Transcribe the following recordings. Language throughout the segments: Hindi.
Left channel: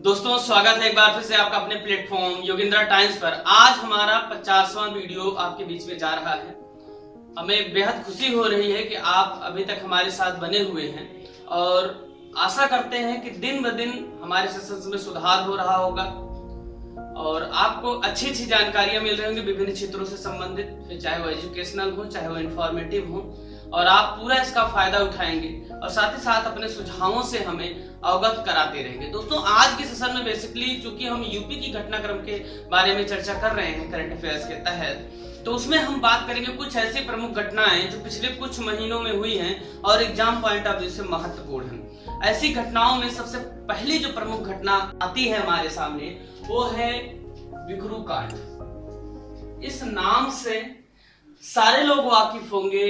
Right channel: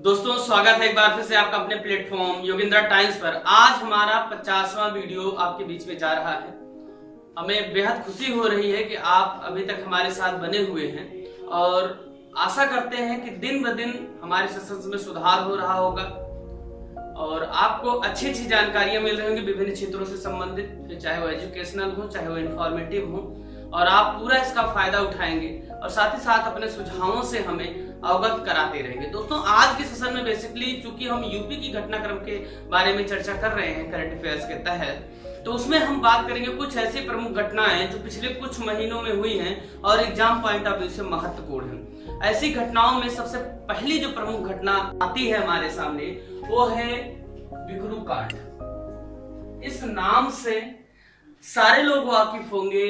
दोस्तों स्वागत है एक बार फिर से आपका अपने प्लेटफॉर्म योगेंद्र टाइम्स पर। आज हमारा 50वां वीडियो आपके बीच में जा रहा है। हमें बेहद खुशी हो रही है कि आप अभी तक हमारे साथ बने हुए हैं और आशा करते हैं कि दिन ब दिन हमारे सेशंस में सुधार हो रहा होगा और आपको अच्छी अच्छी जानकारियां मिल रही होंगी विभिन्न क्षेत्रों से संबंधित, फिर चाहे वो एजुकेशनल हो चाहे वो इंफॉर्मेटिव हो, और आप पूरा इसका फायदा उठाएंगे और साथ ही साथ अपने सुझावों से हमें अवगत कराते रहेंगे। दोस्तों आज के सेशन में बेसिकली चूंकि हम यूपी की घटनाक्रम के बारे में चर्चा कर रहे हैं करंट अफेयर्स के तहत, तो उसमें हम बात करेंगे कुछ ऐसी प्रमुख घटनाएं जो पिछले कुछ महीनों में हुई हैं और एग्जाम पॉइंट ऑफ व्यू से महत्वपूर्ण हैं। ऐसी घटनाओं में सबसे पहली जो प्रमुख घटना आती है हमारे सामने वो है बिकरू कांड। इस नाम से सारे लोग वाकिफ होंगे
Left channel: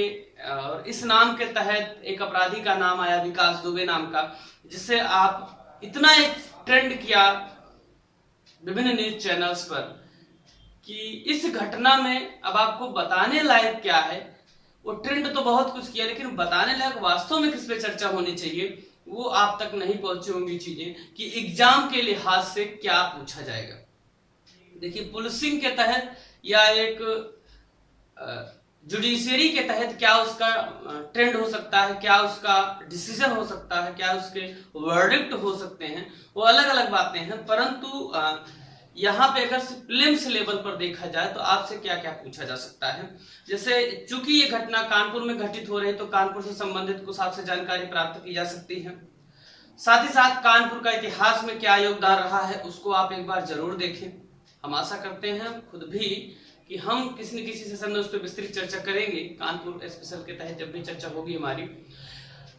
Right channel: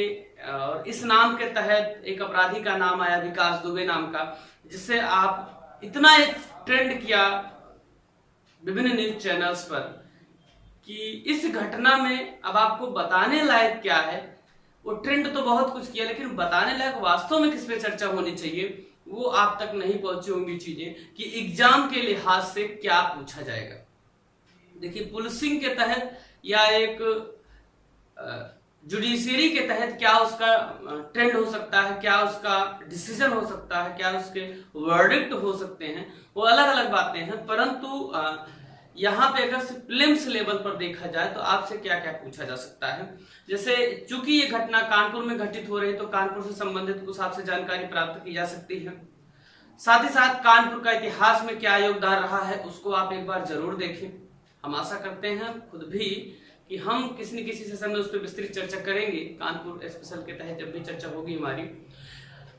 और इस नाम के तहत एक अपराधी का नाम आया विकास दुबे नाम का, जिससे आप इतना एक ट्रेंड किया विभिन्न न्यूज चैनल्स पर कि इस घटना में अब आपको बताने लायक क्या है। वो ट्रेंड तो बहुत कुछ किया लेकिन बताने लायक वास्तव में किस पे चर्चा होनी चाहिए वो आप तक नहीं पहुंची होंगी चीजें कि एग्जाम के लिहाज से क्या पूछा जाएगा। देखिए पुलिसिंग के तहत या एक जुडिशियरी के तहत क्या उसका ट्रेंड हो सकता है, क्या उसका डिसीजन हो सकता है, क्या उसके वर्डिक्ट हो सकते हैं, वो अलग अलग बातें हैं। परंतु यहाँ पे अगर प्रीलिम्स लेवल पर देखा जाए तो आपसे क्या क्या पूछा जा सकता है। जैसे चूंकि ये घटना कानपुर में घटित हो रही तो कानपुर से संबंधित कुछ आपसे जानकारी प्राप्त की जा सकती है। साथ ही साथ कानपुर का इतिहास में क्या योगदान रहा है उसको आप एक बार जरूर देखें। हम आशा करते हैं खुद भी कि हम किसी न किसी सेशन में उस पर विस्तृत चर्चा करेंगे कानपुर स्पेशल के तहत जब भी चर्चा होगी हमारी।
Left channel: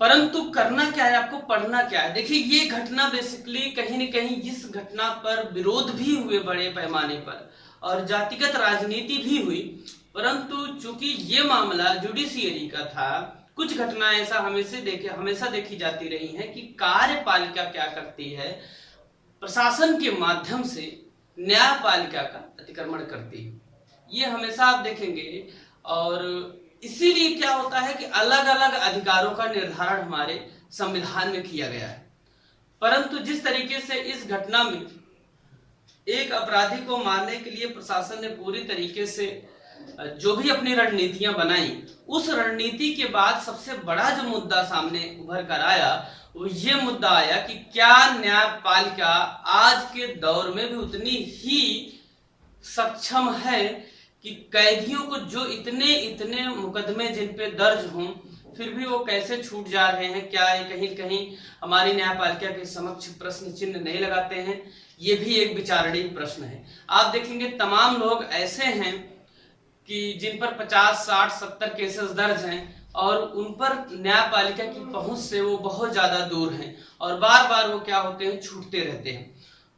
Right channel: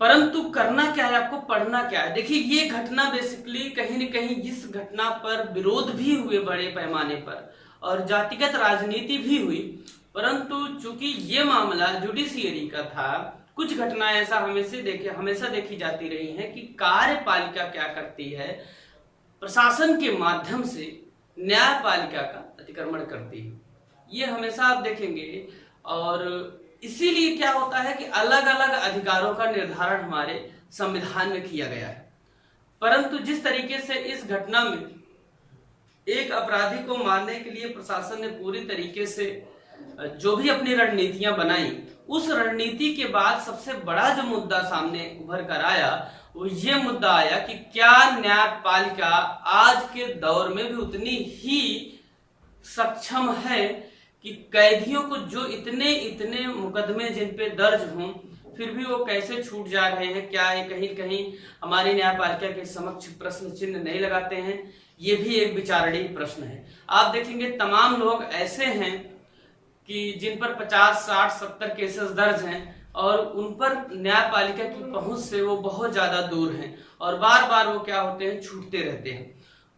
परंतु करना क्या है, आपको पढ़ना क्या है। देखिए ये घटना बेसिकली कहीं न कहीं इस घटना पर विरोध भी हुए बड़े पैमाने पर और जातिगत राजनीति भी हुई, परंतु चूंकि ये मामला जुडिशियरी का था, कुछ घटनाएं ऐसा हमेशा देखी जाती रही है कि कार्यपालिका क्या करती है, प्रशासन के माध्यम से न्यायपालिका का अतिक्रमण करती है। ये हमेशा आप देखेंगे और इसीलिए क्या होता है कि अलग अलग अधिकारों का निर्धारण हमारे संविधान में किया गया है। परंतु जिस तरीके से इस घटना में एक अपराधी को मारने के लिए प्रशासन ने पूरी तरीके से जो भी अपनी रणनीतियां बनाई, उस रणनीति के बाद सबसे बड़ा जो मुद्दा सामने उभर कर आया वो ये मुद्दा आया कि क्या न्यायपालिका आज के दौर में भी उतनी ही सक्षम है कि कैदियों को जो इतने मुकदमे जिन पे दर्ज हों फिर भी वो कैसे छूट जा रहे हैं, क्या ये कहीं कहीं हमारी न्यायपालिका के समक्ष प्रश्न चिन्ह नहीं लगाते हैं। ये भी एक विचारणीय प्रश्न है। आप देखेंगे तमाम लोग ऐसे हैं कि जिन पर 50, 60, 70 केसेस दर्ज हैं और उन पर न्यायपालिका की पहुंच से वो बहुत ज्यादा दूर हैं और बार बार वो क्या होते हैं, छूटते रहते हैं।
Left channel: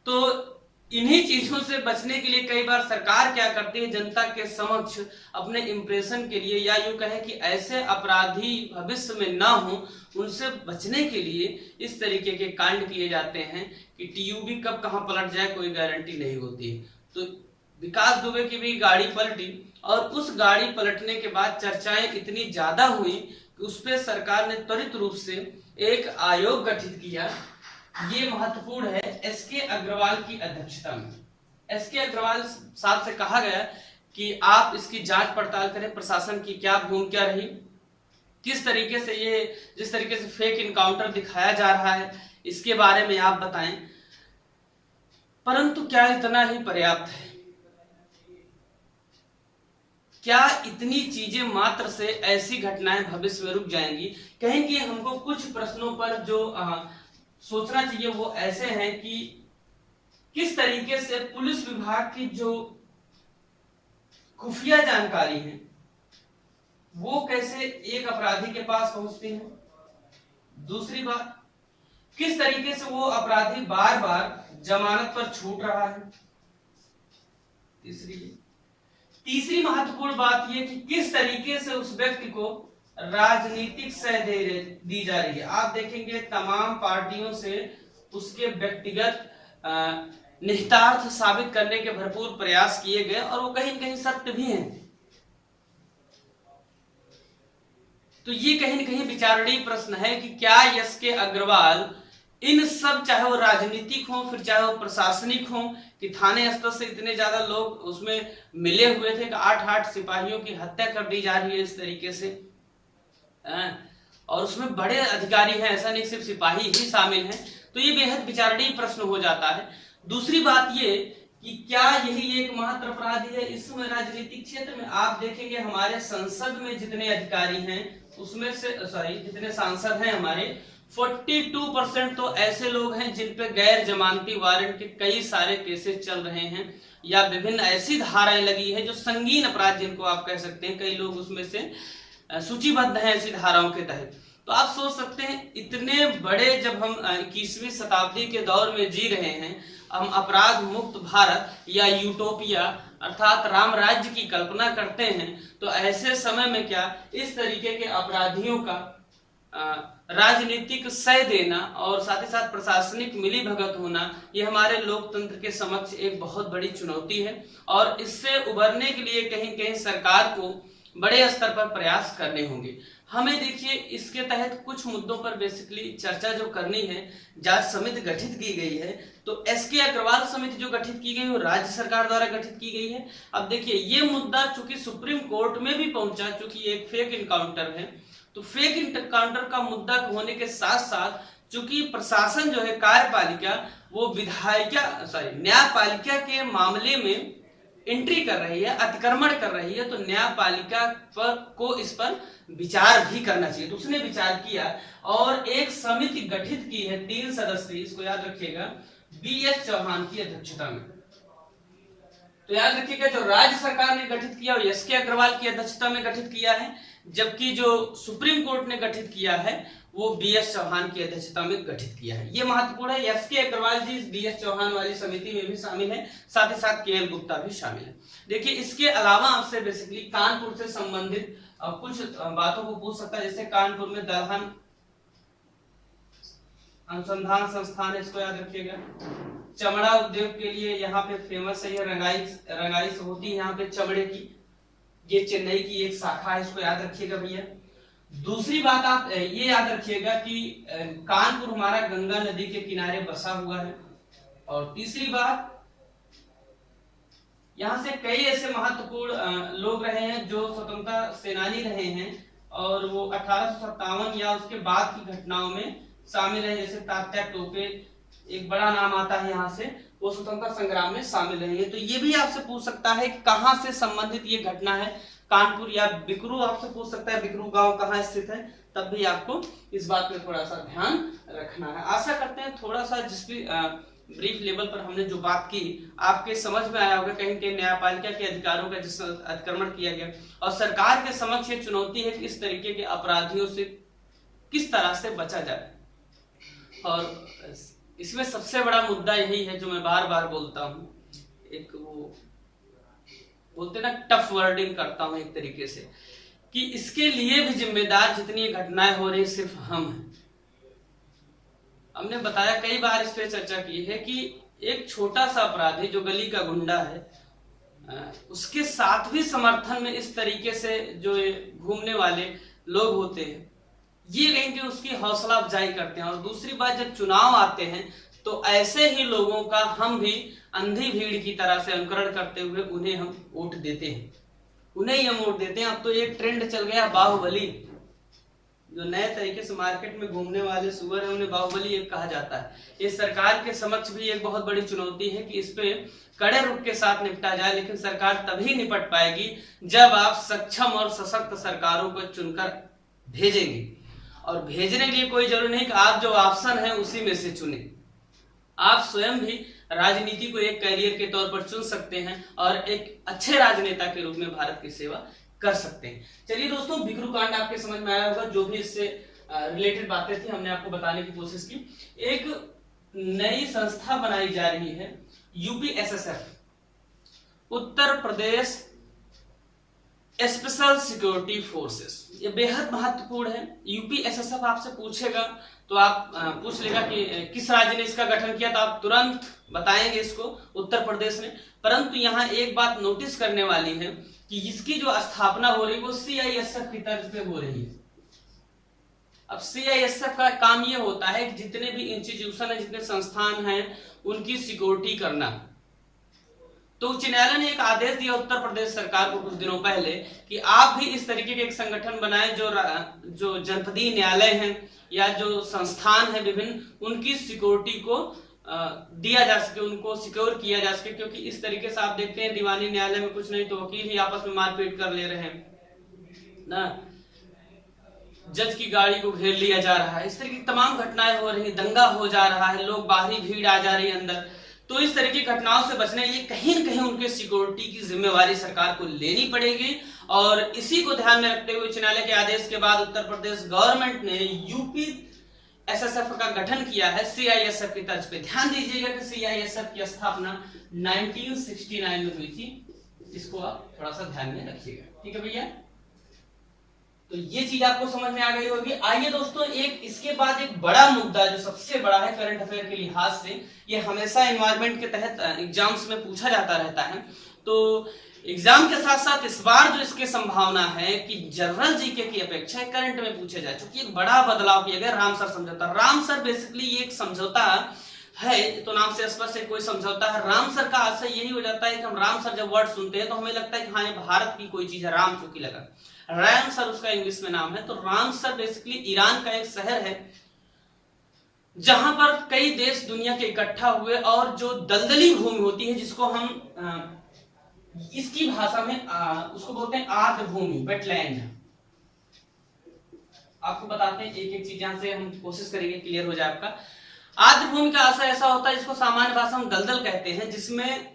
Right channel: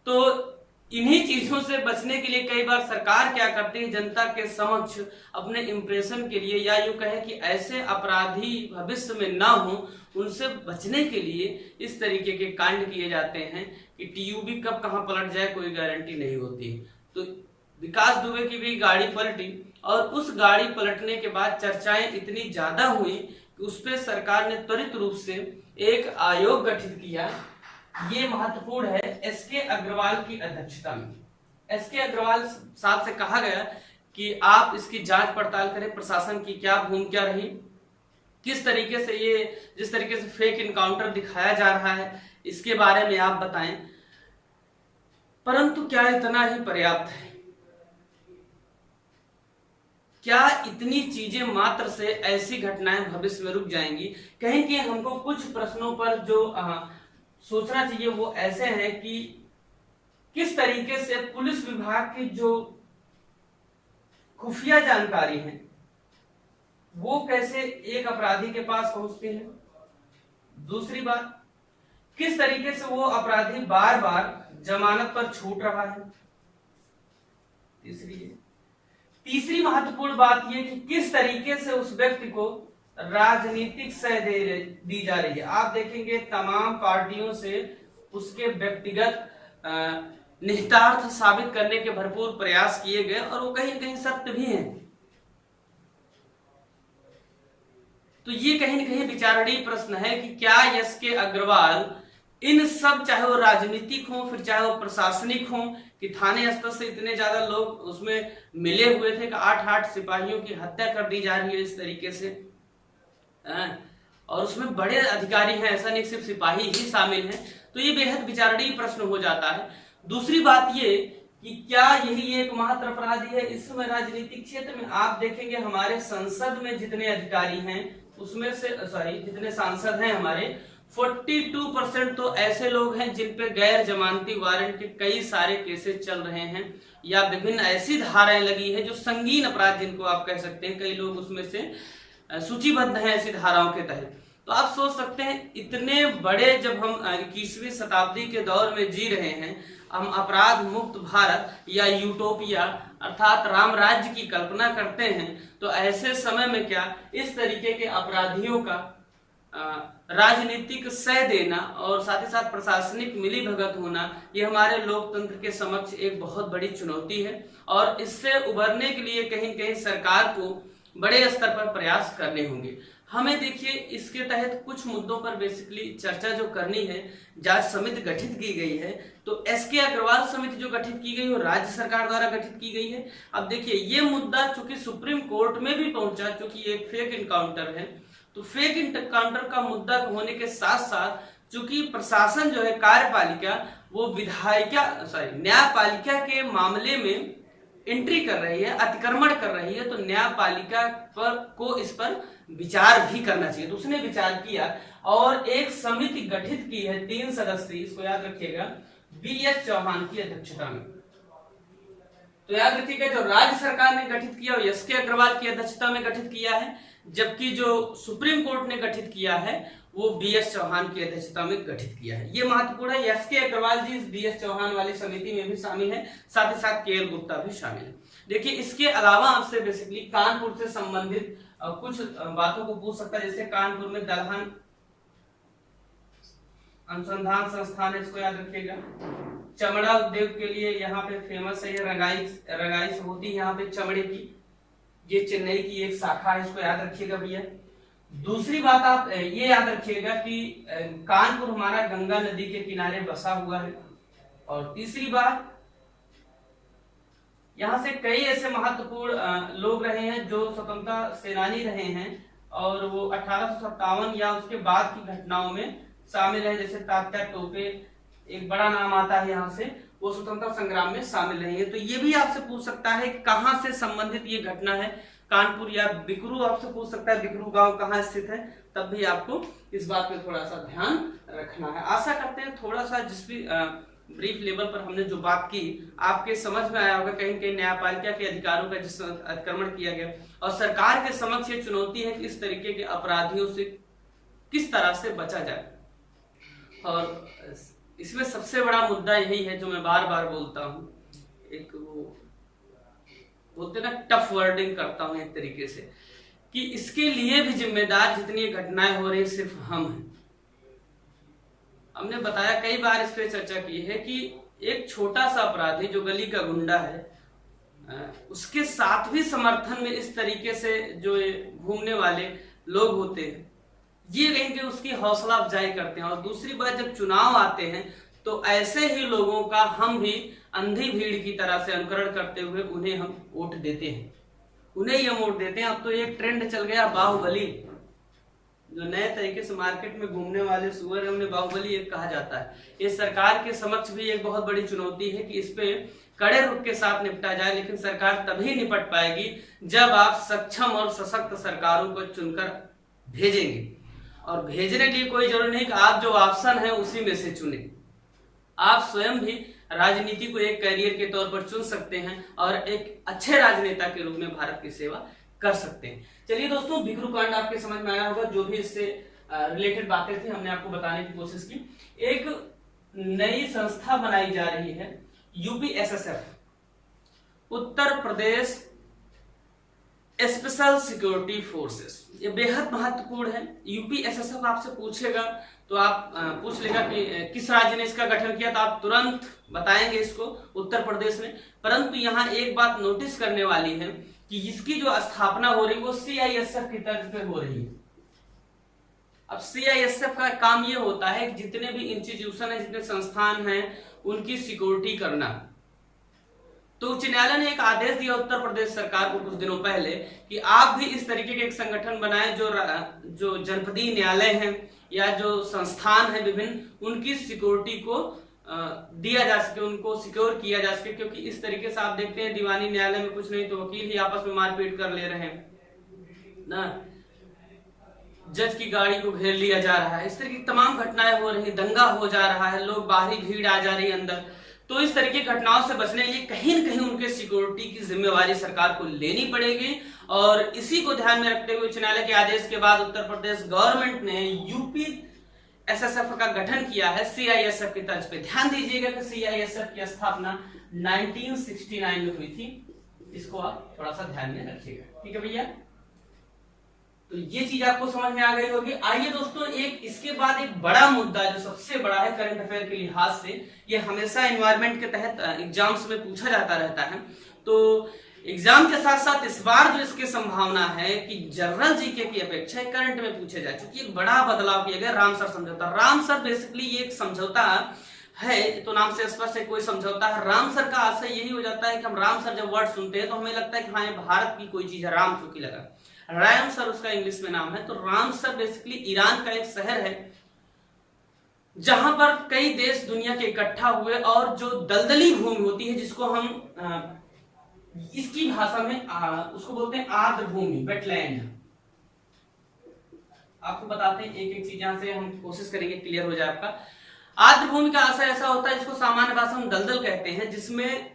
तो इन्हीं चीजों से बचने के लिए कई बार सरकार क्या करती है, जनता के समक्ष अपने इंप्रेशन के लिए या यूं कहे कि ऐसे अपराधी भविष्य में ना हो उनसे बचने के लिए इस तरीके के कांड किए जाते हैं कि टीयूबी कब कहां पलट जाए कोई गारंटी नहीं होती है। तो विकास दुबे की भी गाड़ी पलटी और उस गाड़ी पलटने के बाद चर्चाएं इतनी ज्यादा हुई कि उस पर सरकार ने त्वरित रूप से एक आयोग गठित किया। ये महत्वपूर्ण है, एसके अग्रवाल की अध्यक्षता में। एसके अग्रवाल साहब से कहा गया कि आप इसकी जांच पड़ताल करें, प्रशासन की क्या भूमिका रही, किस तरीके से ये जिस तरीके से फेक इनकाउंटर दिखाया जा रहा है इसके बारे में आप बताएं। परंतु क्या इतना ही पर्याप्त है? क्या इतनी चीजें मात्र से ऐसी घटनाएं भविष्य में रुक जाएंगी? कहीं कि हमको कुछ प्रश्नों पर जो सोचना चाहिए वो ऐसे हैं कि किस तरीके से पुलिस विभाग की जो खुफिया जानकारी है वो कैसे एक अपराधी के पास पहुंचती है। दूसरी बात, किस तरीके से वो अपराधी बार बार जमानत पर छूट रहा है। तीसरी महत्वपूर्ण बात यह कि किस तरीके से उस व्यक्ति को राजनीतिक सह दी जा रही है। आप देखेंगे तमाम पार्टियों से उसके व्यक्तिगत निहितार्थ साबित करने के भरपूर प्रयास किए गए और वो कहीं न कहीं सत्य भी हैं। तो ये कहीं न कहीं विचारणीय प्रश्न है कि क्या एसके अग्रवाल इन सब, चाहे वो राजनीतिक हो फिर चाहे वो प्रशासनिक हो, कि थाने स्तर से इतने ज्यादा लोग उसमें मिले हुए थे कि 8 सिपाहियों की हत्या कर दी जा रही है इस तरीके से। और उसमें बड़े अधिकारी हैं, ऐसा नहीं सिर्फ सिपाही ही शामिल हैं। तो ये बेहद विचारणीय प्रश्न हो जाता है। दूसरी बात ये कि क्या यही एक मात्र अपराधी है इस समय राजनीतिक क्षेत्र में? आप देखेंगे हमारे संसद में जितने अधिकारी हैं उसमें से जितने सांसद हैं हमारे, 42% तो ऐसे लोग हैं जिन पे गैर जमानती वारंट के कई सारे केसेस चल रहे हैं, या विभिन्न ऐसी धाराएं लगी है जो संगीन अपराध जिनको आप कह सकते हैं, कई लोग उसमें से सूचीबद्ध हैं ऐसी धाराओं के तहत। तो आप सोच सकते हैं इतने बड़े, जब हम 21वीं शताब्दी के दौर में जी रहे हैं, हम अपराध मुक्त भारत या यूटोपिया अर्थात राम राज्य की कल्पना करते हैं, तो ऐसे समय में क्या इस तरीके के अपराधियों का राजनीतिक सह देना और साथ ही साथ प्रशासनिक मिलीभगत होना, ये हमारे लोकतंत्र के समक्ष एक बहुत बड़ी चुनौती है। और इससे उबरने के लिए कहीं कहीं सरकार को बड़े स्तर पर प्रयास करने होंगे। हमें देखिए इसके तहत कुछ मुद्दों पर बेसिकली चर्चा जो करनी है, जांच समिति गठित की गई है। तो एसके अग्रवाल समिति जो गठित की गई वो राज्य सरकार द्वारा गठित की गई है। अब देखिए ये मुद्दा चूंकि सुप्रीम कोर्ट में भी पहुंचा, चूंकि एक फेक इनकाउंटर है, तो फेक इनकाउंटर का मुद्दा होने के साथ साथ चूंकि प्रशासन जो है कार्यपालिका वो न्यायपालिका के मामले में एंट्री कर रही है, अतिक्रमण कर रही है, तो न्यायपालिका को इस पर विचार भी करना चाहिए। तो उसने विचार किया और एक समिति गठित की है 3 सदस्यीय, इसको याद रखिएगा, BS चौहान की अध्यक्षता में। तो याद रखिएगा जो राज्य सरकार ने गठित किया वो एसके अग्रवाल की अध्यक्षता में गठित किया है, जबकि जो सुप्रीम कोर्ट ने गठित किया है वो BS चौहान की अध्यक्षता में गठित किया है। ये महत्वपूर्ण है। एसके अग्रवाल जी इस BS चौहान वाली समिति में भी शामिल है, साथ ही साथ KL गुप्ता भी शामिल है। देखिए इसके अलावा आपसे बेसिकली कानपुर से संबंधित कुछ बातों को पूछ सकता है, जैसे कानपुर में दलहन अनुसंधान संस्थान है, इसको याद रखिएगा। चमड़ा उद्योग के लिए यहाँ पे फेमस है, ये रंगाई होती है यहाँ पे चमड़े की, ये चेन्नई की एक शाखा है, इसको याद रखिएगा भैया। दूसरी बात आप ये याद रखिएगा कि कानपुर हमारा गंगा नदी के किनारे बसा हुआ है। और तीसरी बात, यहाँ से कई ऐसे महत्वपूर्ण लोग रहे हैं जो स्वतंत्रता सेनानी रहे हैं और वो 1857 या उसके बाद की घटनाओं में शामिल है, जैसे तात्या टोपे एक बड़ा नाम आता है यहाँ से, वो स्वतंत्रता संग्राम में शामिल रही है। तो ये भी आपसे पूछ सकता है कहाँ से संबंधित ये घटना है, कानपुर या बिकरू आपसे पूछ सकता है, बिकरू गांव कहाँ स्थित है, तब भी आपको इस बात पे थोड़ा सा ध्यान रखना है। आशा करते हैं थोड़ा सा जिस भी ब्रीफ लेवल पर हमने जो बात की आपके समझ में आया होगा। कहीं कहीं न्यायपालिका के अधिकारों का जिस अतिक्रमण किया गया और सरकार के समक्ष ये चुनौती है कि इस तरीके के अपराधियों से किस तरह से बचा जाए। और इसमें सबसे बड़ा मुद्दा यही है जो मैं बार बार बोलता हूँ, एक वो बोलते ना टफ वर्डिंग करता हूँ एक तरीके से, कि इसके लिए भी जिम्मेदार जितनी घटनाएं हो रही सिर्फ हम हैं। हमने बताया कई बार इस पे चर्चा की है कि एक छोटा सा अपराधी जो गली का गुंडा है उसके साथ भी समर्थन में इस तरीके से जो घूमने वाले लोग होते हैं ये कहीं कि उसकी हौसला अफजाई करते हैं। और दूसरी बात, जब चुनाव आते हैं तो ऐसे ही लोगों का हम भी अंधी भीड़ की तरह से अनुकरण करते हुए उन्हें हम वोट देते हैं, उन्हें ही हम वोट देते हैं। अब तो ये ट्रेंड चल गया बाहुबली, जो नए तरीके से मार्केट में घूमने वाले सुअर है उन्हें बाहुबली एक कहा जाता है। इस सरकार के समक्ष भी एक बहुत बड़ी चुनौती है कि इस पे कड़े रुख के साथ निपटा जाए, लेकिन सरकार तभी निपट पाएगी जब आप सक्षम और सशक्त सरकारों को चुनकर भेजेंगे। और भेजने के लिए कोई जरूरी नहीं कि आप जो ऑप्शन है उसी में से चुने, आप स्वयं भी राजनीति को एक करियर के तौर पर चुन सकते हैं और एक अच्छे राजनेता के रूप में भारत की सेवा कर सकते हैं। चलिए दोस्तों, बिकरू कांड आपके समझ में आया होगा, जो भी इससे रिलेटेड बातें थी हमने आपको बताने की कोशिश की। एक नई संस्था बनाई जा रही है UPSSF, Uttar Pradesh special security forces. ये बेहद महत्वपूर्ण है। UPSSF आपसे पूछेगा तो आप पूछ लेगा कि किस राज्य ने इसका गठन किया, तो आप तुरंत बताएंगे इसको उत्तर प्रदेश ने। परंतु यहाँ एक बात नोटिस करने वाली है कि इसकी जो स्थापना हो रही है वो CISF की तर्ज पे हो रही है। अब CISF का काम ये होता है कि जितने भी इंस्टीट्यूशन है, जितने संस्थान हैं, उनकी सिक्योरिटी करना। तो उच्च न्यायालय ने एक आदेश दिया उत्तर प्रदेश सरकार को कुछ दिनों पहले कि आप भी इस तरीके के एक संगठन बनाएं जो जनपदीय न्यायालय हैं या जो संस्थान है विभिन्न, उनकी सिक्योरिटी को दिया जा सके, उनको सिक्योर किया जा सके। क्योंकि इस तरीके से आप देखते हैं दीवानी न्यायालय में कुछ नहीं तो वकील ही आपस में मारपीट कर ले रहे हैं ना, जज की गाड़ी को घेर लिया जा रहा है, इस तरह की तमाम घटनाएं हो रही, दंगा हो जा रहा है, लोग बाहरी भीड़ आ जा रही है अंदर। तो इस तरह की घटनाओं से बचने के लिए कहीं न कहीं उनके सिक्योरिटी की जिम्मेवारी सरकार को लेनी पड़ेगी। और इसी को ध्यान में रखते हुए उच्च न्यायालय के आदेश के बाद उत्तर प्रदेश गवर्नमेंट ने यूपी SSF का गठन किया है CISF की तर्ज पे। ध्यान दीजिएगा कि CISF की स्थापना 1969 में हुई थी, इसको आप थोड़ा सा ध्यान में रखिएगा, ठीक है भैया। तो ये चीज आपको समझ में आ गई होगी। आइए दोस्तों, एक इसके बाद एक बड़ा मुद्दा जो सबसे बड़ा है करंट अफेयर के लिहाज से, ये हमेशा एनवायरमेंट के तहत एग्जाम्स में पूछा जाता रहता है। तो एग्जाम के साथ साथ इस बार जो इसकी संभावना है कि जनरल जीके की अपेक्षा करंट में पूछे जाए, क्योंकि एक बड़ा बदलाव किया गया रामसर समझौता। रामसर बेसिकली ये एक समझौता है, तो नाम से स्पष्ट है कोई समझौता है। रामसर का आशय यही हो जाता है कि हम रामसर जब वर्ड सुनते हैं तो हमें लगता है कि हाँ ये भारत की कोई चीज है, राम चौकी लगा, रामसर उसका इंग्लिश में नाम है। तो रामसर बेसिकली ईरान का एक शहर है जहां पर कई देश दुनिया के इकट्ठा हुए और जो दलदली भूमि होती है, जिसको हम इसकी भाषा में उसको बोलते हैं आर्द्र भूमि, वेटलैंड। आपको बताते हैं एक एक चीज, यहां से हम कोशिश करेंगे क्लियर हो जाए आपका। आर्द्र भूमि का आशय ऐसा होता है जिसको सामान्य भाषा में दलदल कहते हैं, जिसमें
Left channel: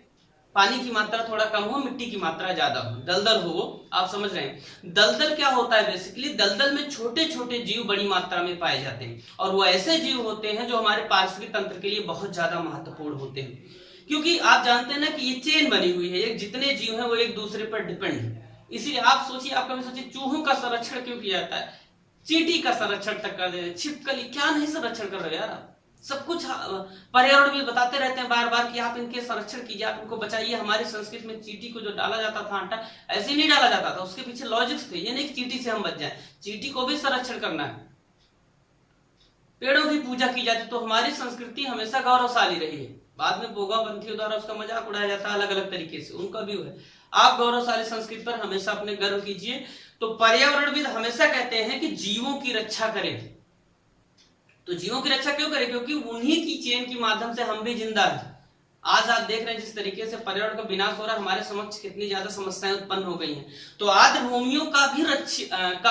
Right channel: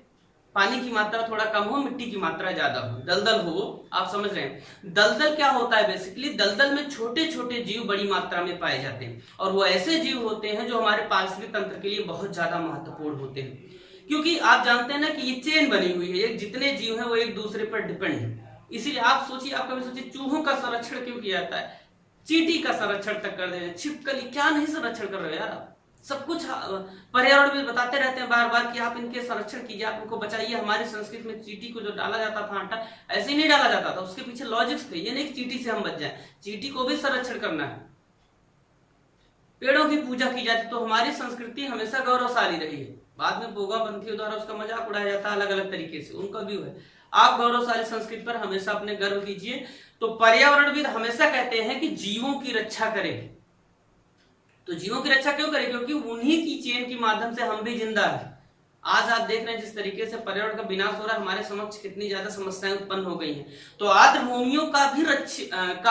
पानी की मात्रा थोड़ा कम हो, मिट्टी की मात्रा ज्यादा हो, दलदल हो, आप समझ रहे हैं। दलदल क्या होता है बेसिकली, दलदल में छोटे छोटे जीव बड़ी मात्रा में पाए जाते हैं, और वो ऐसे जीव होते हैं जो हमारे पारिस्थितिक तंत्र के लिए बहुत ज्यादा महत्वपूर्ण होते हैं। क्योंकि आप जानते हैं ना कि ये चेन बनी हुई है, जितने जीव हैं वो एक दूसरे पर डिपेंड है। इसीलिए आप सोचिए, आप कभी सोचिए चूहों का संरक्षण क्यों किया जाता है, चींटी का संरक्षण तक कर दे रहे, छिपकली, क्या नहीं संरक्षण कर रहे हो यार आप। सब कुछ पर्यावरण भी बताते रहते हैं बार बार कि आप इनके संरक्षण कीजिए, आप इनको बचाइए। हमारी संस्कृति में चींटी को जो डाला जाता था आटा, ऐसे ही नहीं डाला जाता था, उसके पीछे लॉजिक्स थे। ये नहीं कि चींटी से हम बच जाएं, चींटी को भी संरक्षण करना है। पेड़ों की पूजा की जाती, तो हमारी संस्कृति हमेशा गौरवशाली रही है। बाद में बोगापंथियों द्वारा उसका मजाक उड़ाया जाता है अलग अलग तरीके से, उनका भी है। आप गौरवशाली संस्कृति पर हमेशा अपने गर्व कीजिए। तो पर्यावरणविद हमेशा कहते हैं कि जीवों की रक्षा करें। तो जीवों की रक्षा क्यों करें, क्योंकि उन्हीं की चेन के माध्यम से हम भी जिंदा हैं। आज आप देख रहे हैं जिस तरीके से पर्यावरण का विनाश हो रहा है, हमारे समक्ष कितनी ज्यादा समस्याएं उत्पन्न हो गई हैं। तो आर्द्र भूमियों का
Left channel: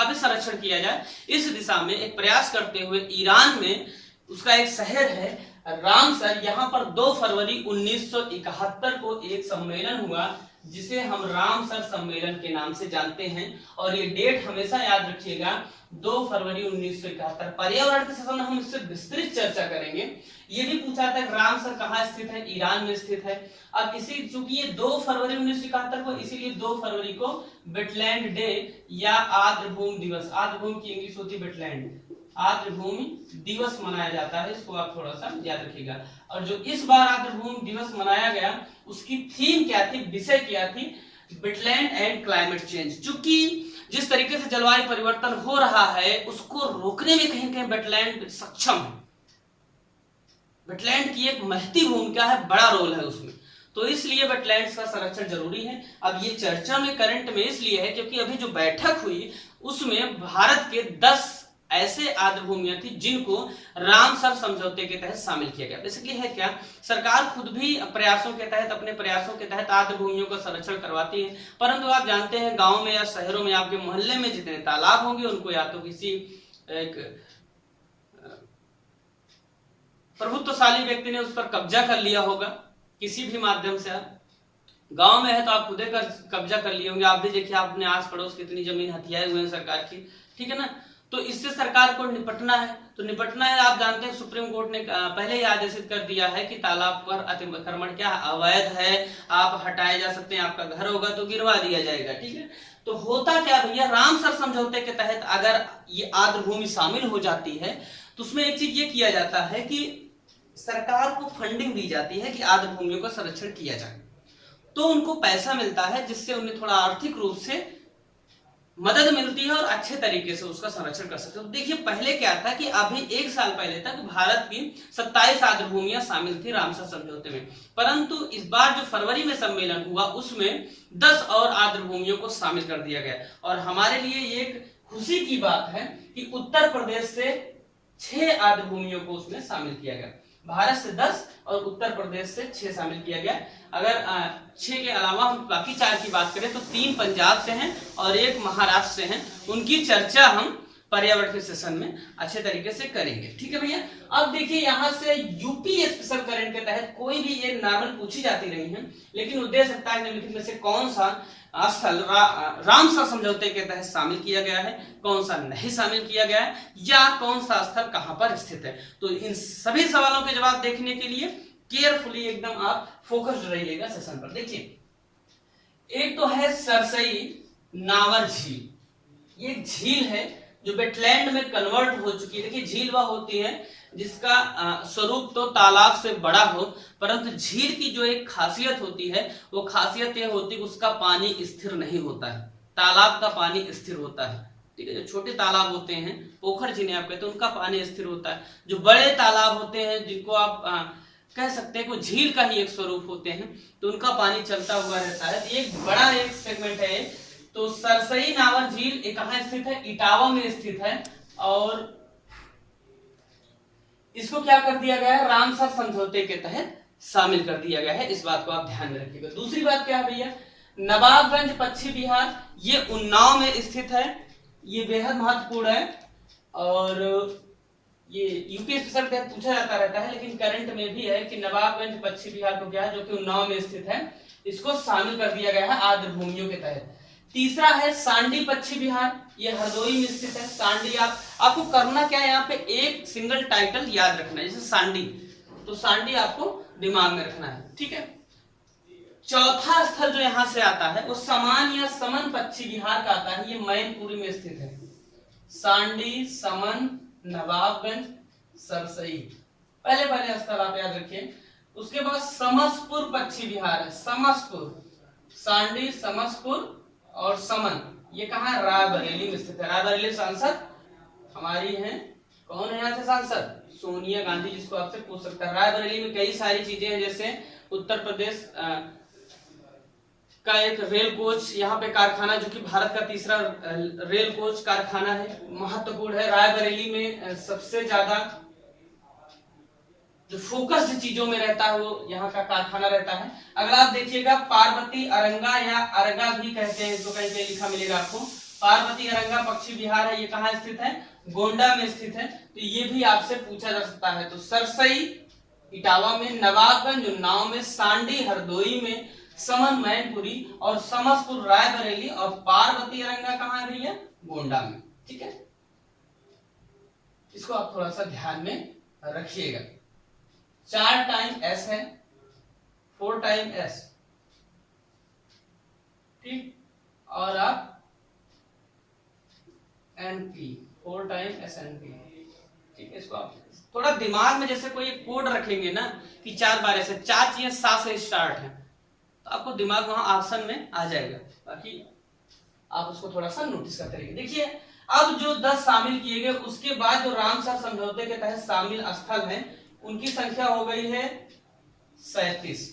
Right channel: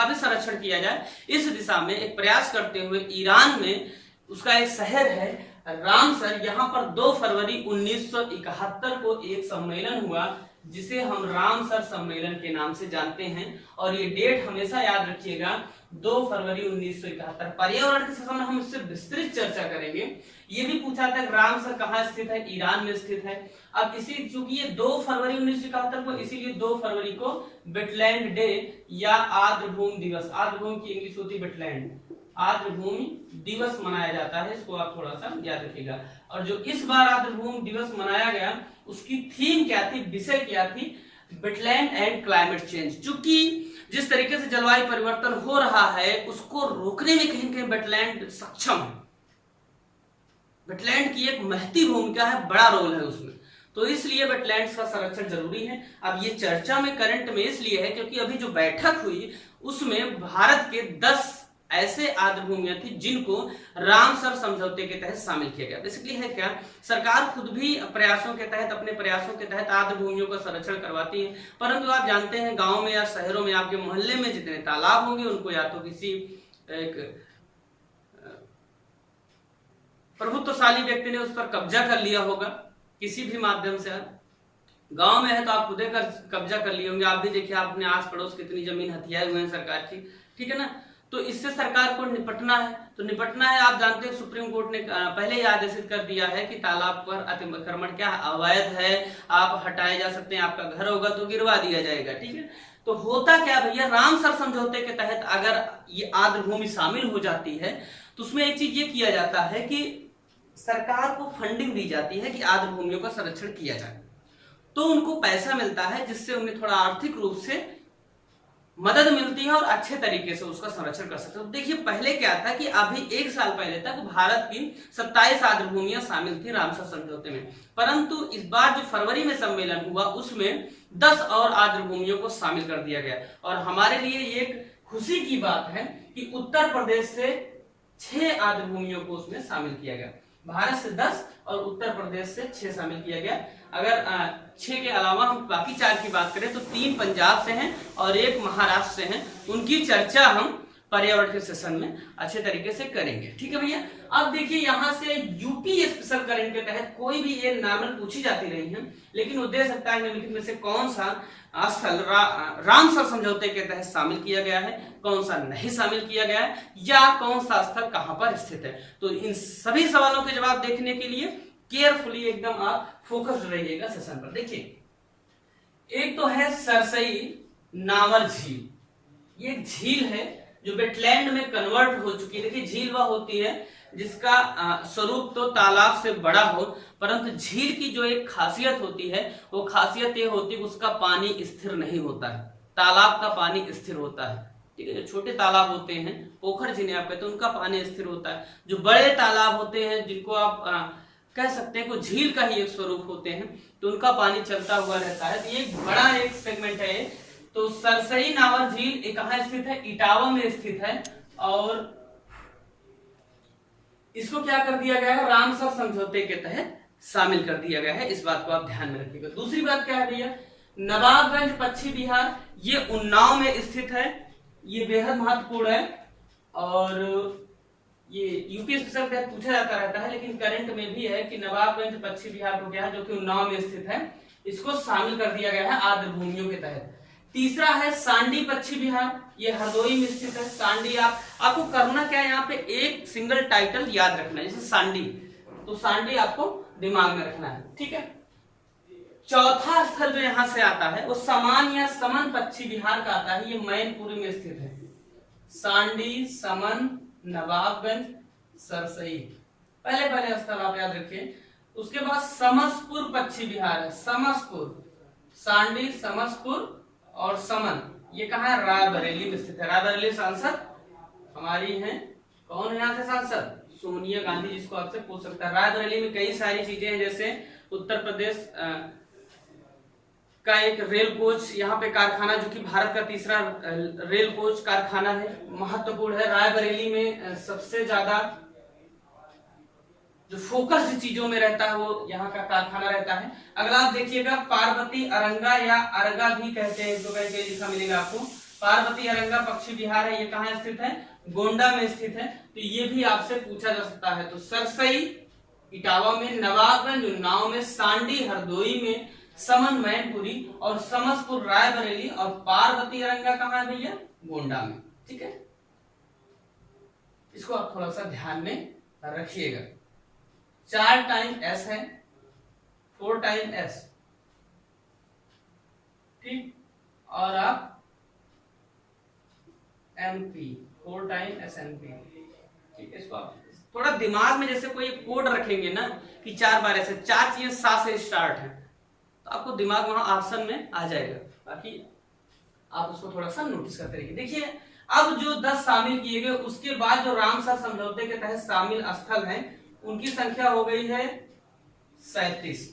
भी संरक्षण किया जाए, इस दिशा में एक प्रयास करते हुए ईरान में उसका एक शहर है रामसर, यहाँ पर 2 फरवरी 1971 को एक सम्मेलन हुआ जिसे हम रामसर सम्मेलन के नाम से जानते हैं। और ये डेट हमेशा याद रखिएगा, 2 फरवरी 1971। पर्यावरण के संबंध में हम इससे विस्तृत चर्चा करेंगे। ये भी पूछा था रामसर कहाँ स्थित है, ईरान में स्थित है। अब इसी चूंकि ये 2 फरवरी 1971 को, इसीलिए 2 फरवरी को वेटलैंड डे या आर्द्र भूमि दिवस, आर्द्र भूमि की इंग्लिश होती है वेटलैंड, आर्द्र भूमि दिवस मनाया जाता है। इसको आप थोड़ा सा याद रखिएगा। और जो इस बार आर्द्र भूमि दिवस मनाया गया, उसकी थीम क्या थी, विषय क्या थी, वेटलैंड एंड क्लाइमेट चेंज। चूंकि जिस तरीके से जलवायु परिवर्तन हो रहा है उसको रोकने में कहीं कहीं वेटलैंड सक्षम है। वेटलैंड की एक महती भूमिका है, बड़ा रोल है उसमें, तो इसलिए वेटलैंड्स का संरक्षण जरूरी है। अब ये चर्चा में करंट में इसलिए है क्योंकि अभी जो बैठक हुई उसमें भारत के 10 ऐसे आर्द्र भूमियां थी जिनको रामसर समझौते के तहत शामिल किया गया। बेसिकली है क्या, सरकार खुद भी प्रयासों के तहत, अपने प्रयासों के तहत आर्द्र भूमियों का संरक्षण करवाती है। परंतु आप जानते हैं गांव में या शहरों में आपके मोहल्ले में जितने तालाब होंगे उनको या तो किसी एक प्रभुत्वशाली व्यक्ति ने उस पर कब्जा कर लिया होगा किसी भी माध्यम से। गांव में है तो आप खुदे कब्जा कर लिए होंगे। आप भी देखिए, आप अपने आस पड़ोस कितनी जमीन हथियाए हुए हैं सरकार की, ठीक है ना। तो इससे सरकार को निपटना है, तो निपटना है। आप जानते हैं सुप्रीम कोर्ट ने पहले ही आदेशित कर दिया है कि तालाब पर अतिक्रमण क्या अवैध है, आप हटाए जा सकते हैं, आपका घर होगा तो गिरवा दिया जाएगा, ठीक है। तो होता क्या भैया, रामसर समझौते के तहत अगर ये आर्द्र भूमि शामिल हो जाती है तो उसमें एक चीज ये किया जाता है कि सरकार को फंडिंग दी जाती है कि आर्द्र भूमियों का संरक्षण किया जाए। तो उनको पैसा मिलता है जिससे उन्हें थोड़ा आर्थिक रूप से मदद मिलती है और अच्छे तरीके से उसका संरक्षण कर सकते हैं। तो देखिए पहले क्या था कि अभी 1 साल पहले तक भारत की 27 आर्द्र भूमियां शामिल थी रामसर समझौते में, परंतु इस बार जो फरवरी में सम्मेलन हुआ उसमें 10 और आर्द्र भूमियों को शामिल कर दिया गया। और हमारे लिए ये एक खुशी की बात है कि उत्तर प्रदेश से 6 आर्द्र भूमियों को उसमें शामिल किया गया। भारत से 10 और उत्तर प्रदेश से 6 शामिल किया गया। अगर 6 के अलावा हम बाकी 4 की बात करें तो 3 पंजाब से हैं और 1 महाराष्ट्र से हैं। उनकी चर्चा हम पर्यावरण के सेशन में अच्छे तरीके से करेंगे। ठीक है भैया। अब देखिए यहाँ से यूपी स्पेशल करंट के तहत कोई भी ये नॉर्मल पूछी जाती रही है, लेकिन वो दे सकता है निम्नलिखित में से कौन सा स्थल रामसर समझौते के तहत शामिल किया गया है, कौन सा नहीं शामिल किया गया है, या कौन सा स्थल कहां पर स्थित है। तो इन सभी सवालों के जवाब देखने के लिए केयरफुली एकदम आप फोकस्ड रहिएगा सेशन पर। देखिए एक तो है सरसई नावर झील, ये झील है जो वेटलैंड में कन्वर्ट हो चुकी है। देखिए झील वह होती है जिसका स्वरूप तो तालाब से बड़ा हो, परंतु झील की जो एक खासियत होती है वो खासियत ये होती है कि उसका पानी स्थिर नहीं होता है। तालाब का पानी स्थिर होता है, ठीक है। जो छोटे तालाब होते हैं, पोखर जिन्हें आप कहते हैं, उनका पानी स्थिर होता है। जो बड़े तालाब होते हैं जिनको आप कह सकते हैं कि झील का ही एक स्वरूप होते हैं, तो उनका पानी चलता हुआ रहता है। तो एक बड़ा एक सेगमेंट है। तो सरसई नावर झील ये कहाँ स्थित है? इटावा में स्थित है। और इसको क्या कर दिया गया है? रामसर समझौते के तहत शामिल कर दिया गया है। इस बात को आप ध्यान में रखिएगा। दूसरी बात क्या है भैया? नवाबगंज पश्चिम बिहार, ये उन्नाव में स्थित है। ये बेहद महत्वपूर्ण है और ये यूपी स्पेशल के तहत पूछा जाता रहता है, लेकिन करंट में भी है कि नवाबगंज पश्चिम बिहार को क्या है, जो कि उन्नाव में स्थित है, इसको शामिल कर दिया गया है आर्द्र भूमियों के तहत। तीसरा है सांडी पश्चिम बिहार, ये हरदोई में स्थित है। सांडी आपको करना क्या है, यहाँ पे एक सिंगल टाइटल याद रखना है, जैसे सांडी, तो सांडी आपको दिमाग में रखना है, ठीक है। चौथा स्थल जो यहाँ से आता है वो समान या समन पश्चिम बिहार का आता है, ये मैनपुरी में स्थित है। सांडी, समन, नवाबगंज, सरसई, पहले स्थल आप याद रखिए। उसके बाद समसपुर पश्चिम बिहार है, समसपुर, सांडी, समसपुर और समन, ये कहाँ है? रायबरेली में स्थित है। रायबरेली सांसद हमारी हैं, कौन है यहाँ से सांसद? सोनिया गांधी, जिसको आपसे पूछ सकता है। रायबरेली में कई सारी चीजें हैं, जैसे उत्तर प्रदेश का एक रेल कोच यहाँ पे कारखाना, जो कि भारत का तीसरा रेल कोच कारखाना है, महत्वपूर्ण है। रायबरेली में सबसे ज्यादा जो फोकस्ड चीजों में रहता है वो यहाँ का कारखाना रहता है। अगला आप देखिएगा पार्वती अरंगा या अरगा भी कहते हैं, जो कहीं लिखा मिलेगा आपको। पार्वती अरंगा पश्चिम बिहार है, ये कहाँ स्थित है? गोंडा में स्थित है। तो ये भी आपसे पूछा जा सकता है। तो सरसई इटावा में, नवाबगंज उन्नाव में, सांडी हरदोई में, समन मैनपुरी और समसपुर रायबरेली, और पार्वती अरंगा कहाँ है भैया? गोंडा में, ठीक है। इसको आप थोड़ा सा ध्यान में रखिएगा। 4 टाइम एस है, 4 टाइम एस, ठीक, और आप NP, 4 time S N P, ठीक है। इसको आप थोड़ा दिमाग में जैसे कोई कोड रखेंगे ना कि 4 बार ऐसे, 4 चीजें 7 से स्टार्ट है, तो आपको दिमाग वहां ऑप्शन में आ जाएगा। बाकी आप उसको थोड़ा सा नोटिस करते रहिए। देखिए अब जो 10 शामिल किए गए, उसके बाद जो रामसर समझौते के तहत शामिल स्थल हैं उनकी संख्या हो गई है 37,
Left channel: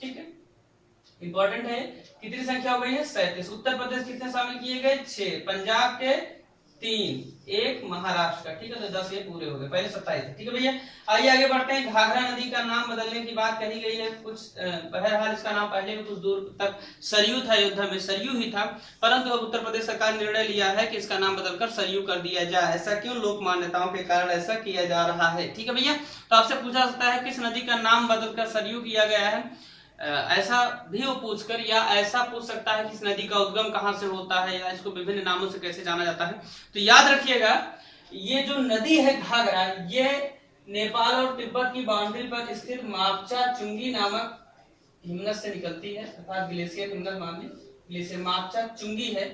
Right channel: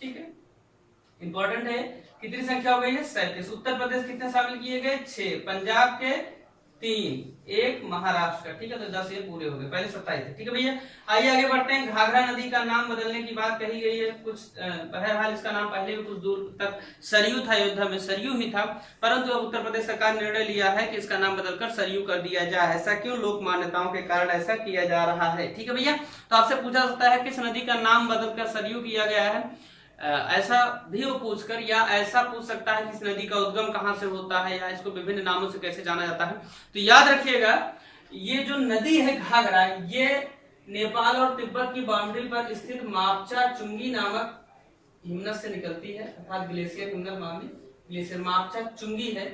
ठीक है। इंपॉर्टेंट है, कितनी संख्या हो गई है? 37। उत्तर प्रदेश कितने शामिल किए गए? 6, पंजाब के 3, 1 महाराष्ट्र का, ठीक है। तो 10 ये पूरे हो गए, पहले 27 थे, ठीक है भैया। आइए आगे बढ़ते हैं। घाघरा नदी का नाम बदलने की बात कही गई है। कुछ बहरहाल इसका नाम पहले भी कुछ दूर तक सरयू था, अयोध्या में सरयू ही था, परंतु अब उत्तर प्रदेश सरकार ने निर्णय लिया है कि इसका नाम बदलकर सरयू कर दिया जाए। ऐसा क्यों? लोक मान्यताओं के कारण ऐसा किया जा रहा है, ठीक है भैया। तो आपसे पूछा जा सकता है किस नदी का नाम बदलकर सरयू किया गया है, ऐसा भी वो पूछकर, या ऐसा पूछ सकता है कि इस नदी का उद्गम कहां से होता है, या इसको विभिन्न नामों से कैसे जाना जाता है। तो याद रखिएगा ये जो नदी है घाघरा, ये नेपाल और तिब्बत की बाउंड्री पर स्थित मापचा चुंगी नामक हिमनद से निकलती है, अर्थात ग्लेशियर हिमनद मामले ग्लेशियर मापचा चुंगी है।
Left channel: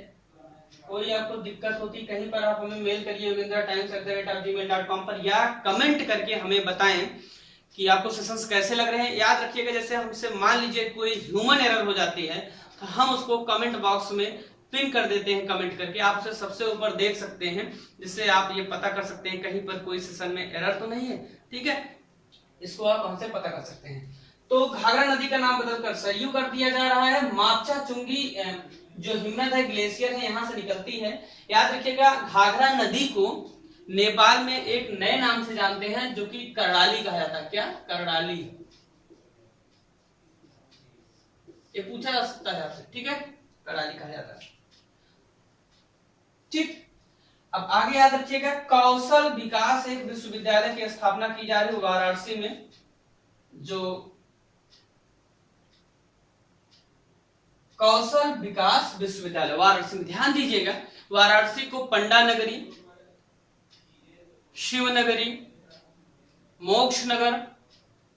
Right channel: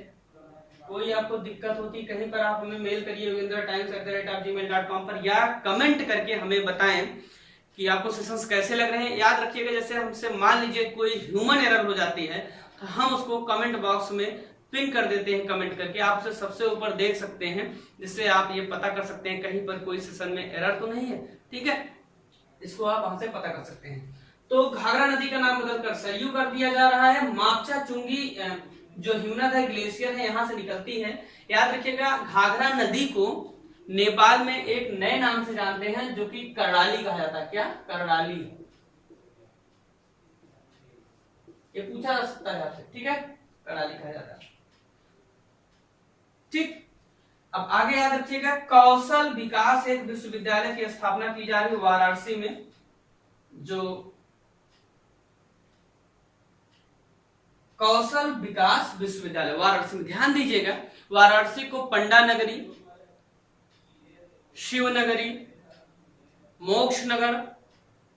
कोई आपको दिक्कत होती कहीं पर, आप हमें मेल करिए yogendratimes@gmail.com पर, या कमेंट करके हमें बताएं कि आपको सेशंस कैसे लग रहे हैं। याद रखिएगा जैसे हमसे मान लीजिए कोई ह्यूमन एरर हो जाती है तो हम उसको कमेंट बॉक्स में पिन कर देते हैं कमेंट करके, आप उसे सबसे ऊपर देख सकते हैं, जिससे आप ये पता कर सकते हैं कहीं पर कोई सेशन में एरर तो नहीं है। ठीक है, इसको आप हमसे पता कर सकते हैं। तो घाघरा नदी का नाम बदलकर सरयू कर दिया जा रहा है। मापचा चुंगी जो हिमनद है, ग्लेशियर है, यहाँ से निकलती है। याद रखिएगा, घाघरा नदी को नेपाल में एक नए नाम से जानते हैं जो कि कर्णाली कहा जाता है। क्या? कर्णाली। ये पूछा जा सकता है आपसे। ठीक है, कर्णाली कहा जाता है। ठीक, अब आगे याद रखिएगा, कौशल विकास एक विश्वविद्यालय की स्थापना की जा रही है वाराणसी में। जो कौशल विकास विश्वविद्यालय वाराणसी में, ध्यान दीजिएगा, वाराणसी को पंडा नगरी, शिव नगरी, मोक्ष नगर,